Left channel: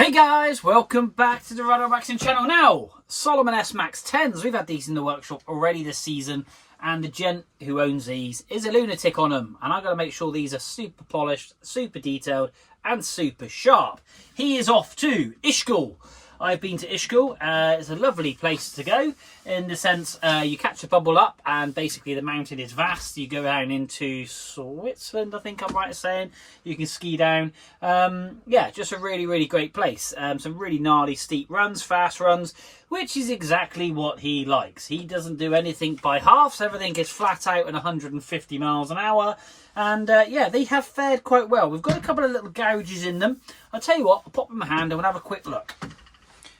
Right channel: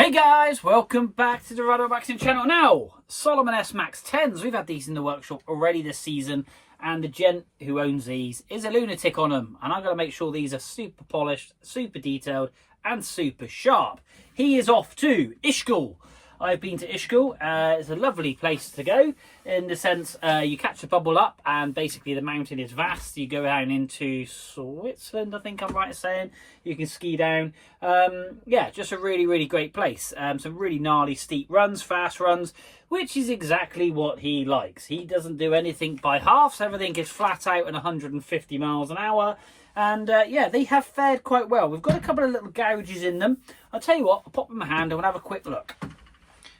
Hey guys, welcome back to the Ride Waxing channel. Now, Salomon S MAX 10s, we've had these in the workshop already this season, and the gent who owns these is a lunatic on them, and I've got to make sure these are super polished, super detailed, and super sharp. He is off to Ishkul. I've been to Ishkul. It's a lovely place to go in the sense you catch a bubble up and basically the mountain is vast. You go down into Switzerland, I think I'm right in saying. You can ski down. Yeah, just a really great place. Some really gnarly steep runs, fast runs, which is exactly what he likes. He doesn't do anything by halves. Everything is flat out at 150 miles an hour. And yeah, they have fared quite well. We've got a couple of little gouges in them. I'll tell you what, I'll pop them in my hand and we'll have a quick look.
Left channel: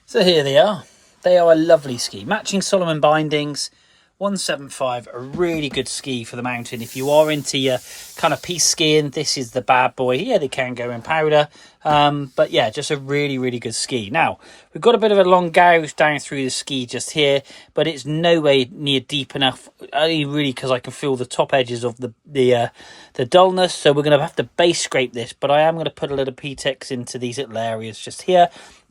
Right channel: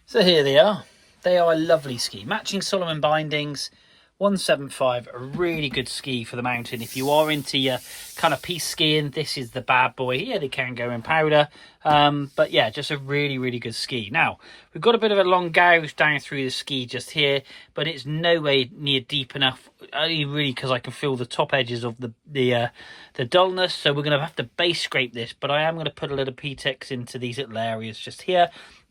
So here they are. They are a lovely ski. Matching Salomon bindings, 175, a really good ski for the mountain. If you are into your kind of piste skiing, this is the bad boy. Yeah, they can go in powder. But yeah, just a really good ski. Now, we've got a bit of a long gouge down through the ski just here, but it's nowhere near deep enough, only really because I can feel the top edges of the dullness. So we're going to have to base scrape this, but I am going to put a little P-Tex into these little areas just here,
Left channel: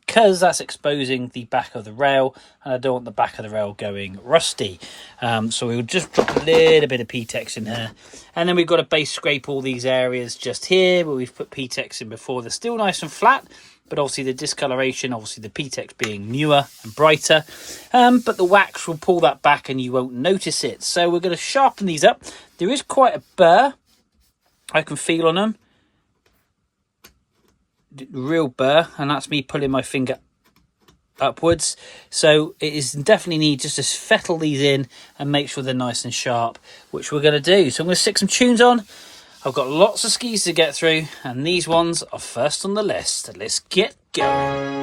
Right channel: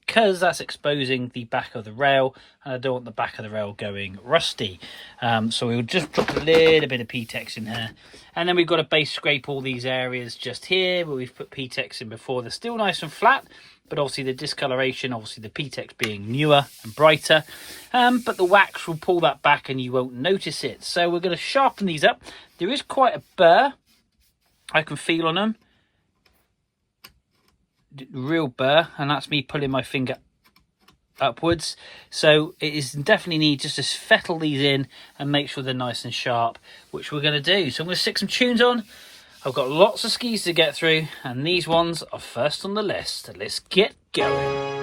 because that's exposing the back of the rail and I don't want the back of the rail going rusty. So we'll just drop a little bit of P-Tex in here, and then we've got to base scrape all these areas just here where we've put P-Tex in before. They're still nice and flat, but obviously the discoloration, obviously the P-Tex being newer and brighter, but the wax will pull that back and you won't notice it. So we're going to sharpen these up. There is quite a burr I can feel on them, real burr, and that's me pulling my finger upwards. So it is definitely need just to fettle these in and make sure they're nice and sharp, which we're going to do. So I'm going to stick some tunes on. I've got lots of skis to get through and these ones are first on the list. Let's get going.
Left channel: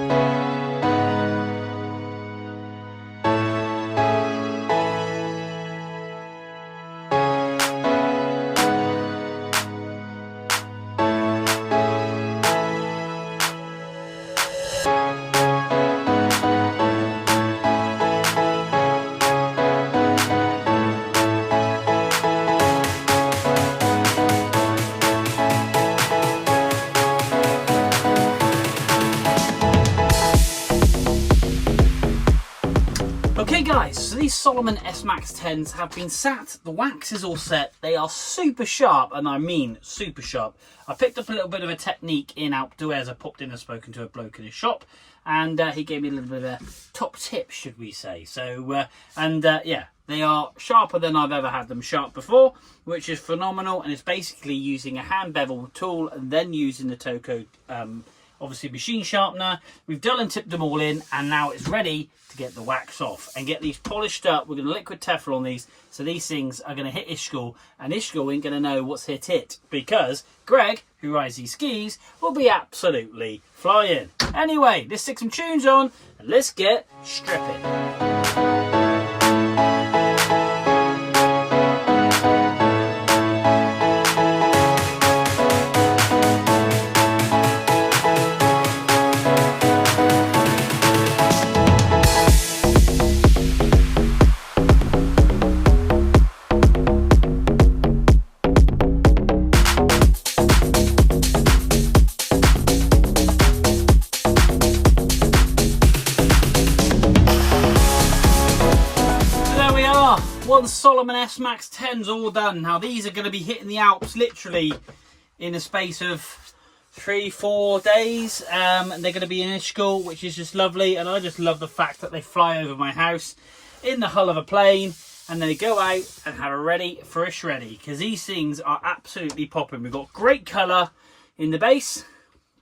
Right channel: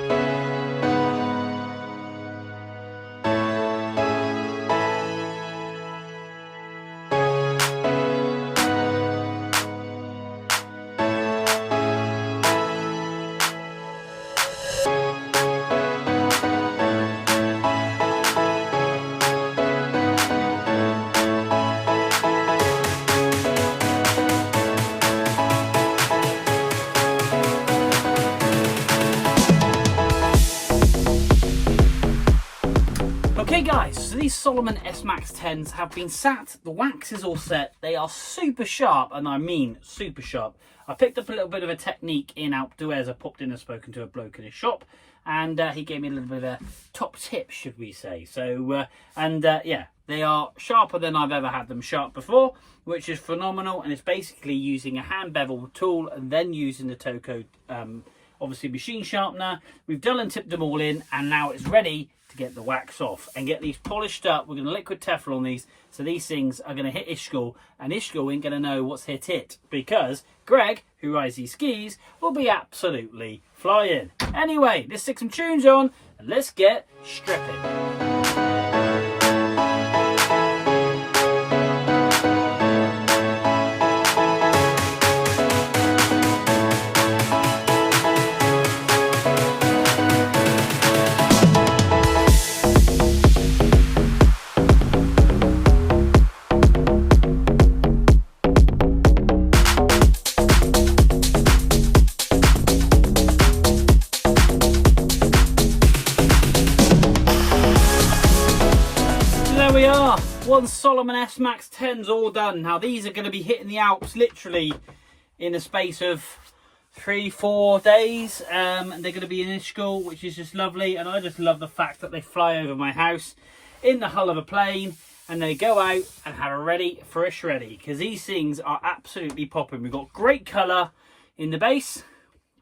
Okay guys, so these Salomon S MAX 10s have been sat, the wax is all set, they are super sharp, and I mean super sharp. I picked up a little bit of a technique in outdoors. I popped in and spoken to a bloke in his shop, and he gave me a little bit of a top tip, should we say. So, yeah, they are sharper than I've ever had them sharp before, which is phenomenal, and it's basically using a hand bevel tool and then using the Toko obviously machine sharpener. We've dull and tipped them all in, and now it's ready to get the wax off and get these polished up. We're going to liquid Teflon these, so these things are going to hit Ishkul, and Ishkul ain't going to know what's hit it, because Greg, who rides these skis, will be absolutely flying. Anyway, let's stick some tunes on and let's get stripping. One Salomon S MAX 10's all done. Now these are going to be hitting the Alps literally in a space of 3-4 days, and they're going to be in Ishkul, which is just lovely. And I just love the fact that they fly over my house in the hull of a plane, and they go out and have a ready for a shreddy, because these things are absolutely popping. We've got great colour in the base,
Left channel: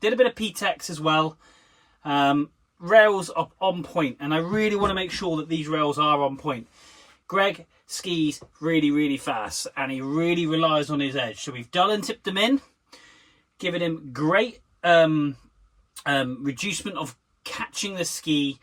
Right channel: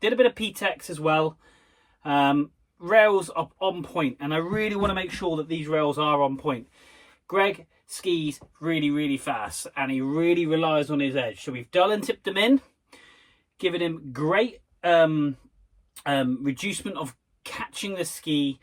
did a bit of P-Tex as well. Rails are on point, and I really want to make sure that these rails are on point. Greg skis really fast, and he really relies on his edge. So we've dull and tipped them in, giving him great reducement of catching the ski.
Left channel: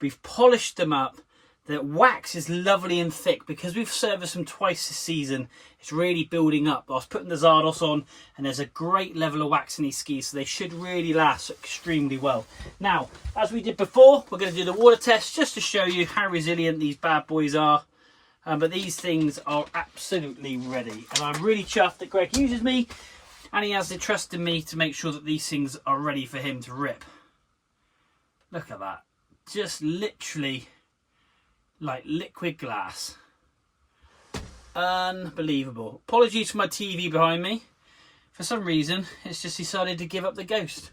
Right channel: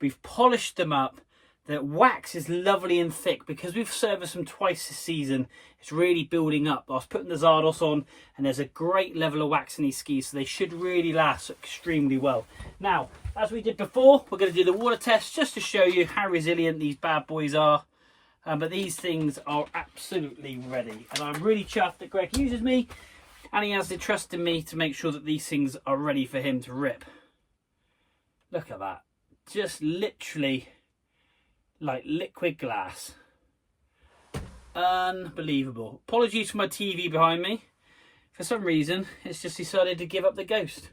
We've polished them up. The wax is lovely and thick because we've serviced them twice this season. It's really building up. I was putting the Zardos on, and there's a great level of wax in these skis, so they should really last extremely well. Now, as we did before, we're going to do the water test just to show you how resilient these bad boys are. But these things are absolutely ready, and I'm really chuffed that Greg uses me and he has the trust in me to make sure that these things are ready for him to rip. Look at that. Just literally like liquid glass. Unbelievable. Apologies for my TV behind me. For some reason, it's just decided to give up the ghost.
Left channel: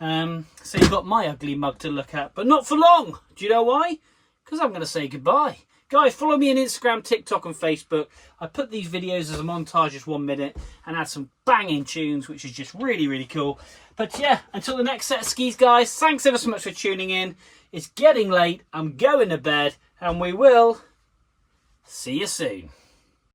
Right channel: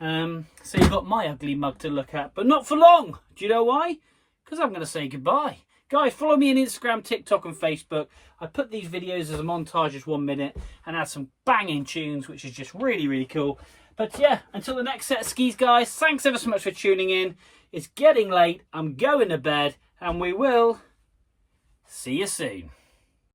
So you've got my ugly mug to look at, but not for long. Do you know why? Because I'm going to say goodbye. Guys, follow me on Instagram, TikTok and Facebook. I put these videos as a montage, just 1 minute, and add some banging tunes, which is just really, really cool. But yeah, until the next set of skis, guys, thanks ever so much for tuning in. It's getting late. I'm going to bed, and we will see you soon.